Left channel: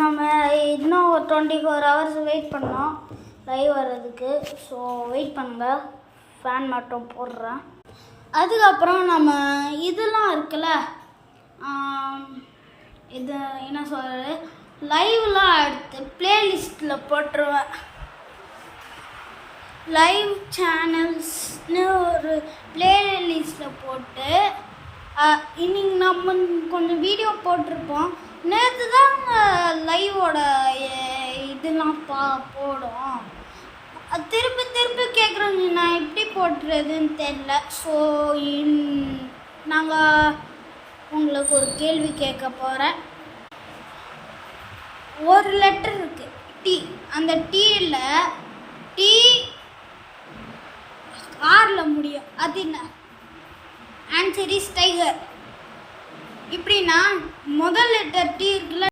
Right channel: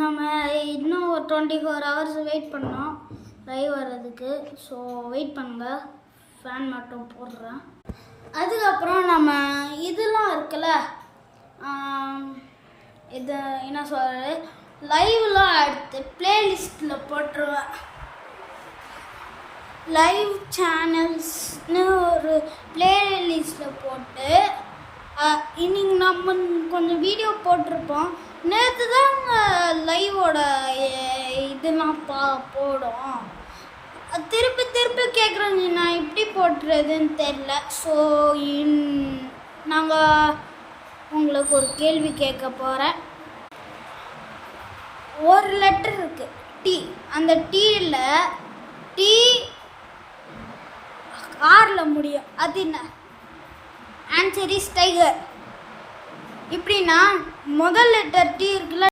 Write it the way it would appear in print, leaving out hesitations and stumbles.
நம்ம இன்னும் ஒரு 24 hours வெயிட் பண்ணோம் லைவ் வர்றதுக்கு. ஸோ வெயிட் பண்ணுங்கள், ஃபேன் மட்டும் போடுறேன். அதுக்கப்புறம் நம்ம இதெல்லாம் இருக்குல்ல, இது என்ன சொல்கிறது, லைவ்லாம் எடுத்து ப்ளேலிஸ்ட்டில் போட்டுருவேன். லைவ் சேனல்ஸ்னு ஒரு ப்ளேலிஸ்ட்டில் போட்டு இன்னைக்கு நம்ம கொஞ்சம் வீடியோ போட்டிருப்போம். நேற்று தாங்க லைவோட இதெல்லாம் போடும். திருப்பி திருப்பி கேட்குறேங்க, நான் எப்படி போட்டுறதுன்னு தெரில. ஸோ நாங்கள் உங்களுக்கு ஒரு கேள்வி கேட்க போகிறேன். ஒரு லெட்டர் இருக்குது டி, அந்த டீயில் டி ஆரில் முடியும், அது என்ன? Answer is tiger. இப்படின்னா முதல் லெட்டர் டி இருக்குல்ல,